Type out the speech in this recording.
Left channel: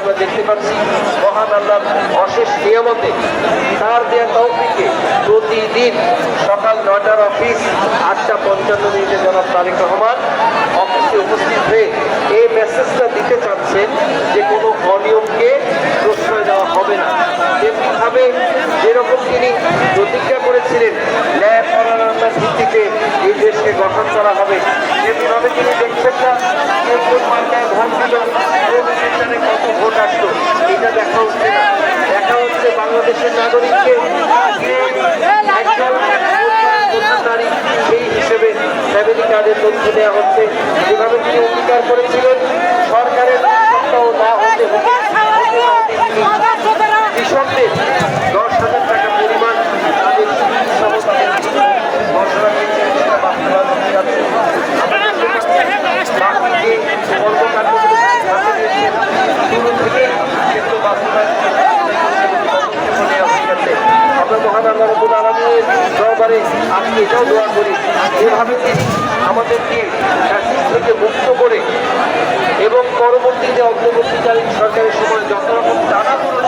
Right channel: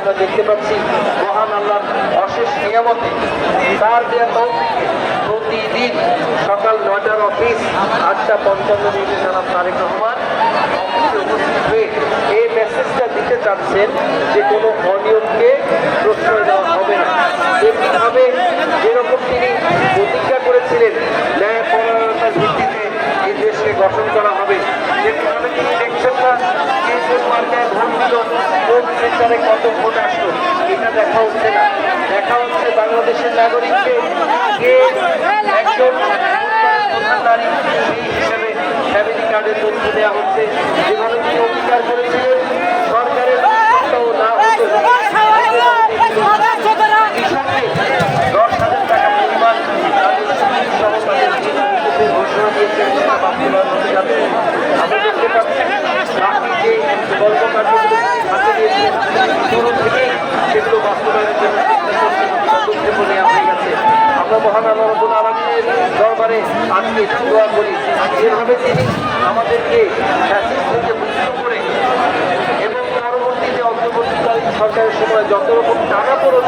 আমরা দেখতে পাচ্ছি মহান আল্লাহর অশেষ নিয়ামতে তার দেয়া তৌফিকে প্রতিদিন সকাল 9টার অফিস 8:55 জনাব তারেক রহমান অফিসে উপস্থিত হয়ে এই মেসেজটা দিতে চাচ্ছেন যে কোনো অনিয়মকে প্রশ্রয় দেওয়া হবে না। তেমনিভাবে যেরকম তিনি প্রতিজ্ঞা করেছিলেন ন্যায় পরায়ণতার ভিত্তিতে এই দেশকে গঠন করা হবে, তেমনিভাবে তিনি দেখছেন না কে কোন মার্কায় ভোট দিল, কোন সেন্টারে কত ভোট আসলো, এটা দেখা হচ্ছে না। দেখা হচ্ছে বাংলাদেশের নাগরিককে কে এই হিসেবে ফ্যামিলি কার্ডের তথ্য দেওয়া হচ্ছে। যেভাবে তিনি অঙ্গীকার করেছিলেন সরকারের সপ্তাহ না হতে হবে কৃষকদের 10,000 টাকা পরিমাণ ঘোষণা দিয়েছেন, সেটা বাস্তবায়ন হতে যাচ্ছে। আমরা দেখতে পাচ্ছি বাকি যে কর্মকাণ্ডগুলো হাতে নিয়েছে শুরু থেকে সেগুলো বাস্তবায়নের জন্য আমরা মহান আল্লাহ রাব্বুল আলামিনের দরবারে আজকে এটাও দোয়া করি যেভাবে তিনি আমাদেরকে ফ্যাসিস্ট থেকে মুক্ত করে এবং পরবর্তীতে অন্তর্বর্তীকালীন সরকারের সময় যত রকম টানাপোড়েন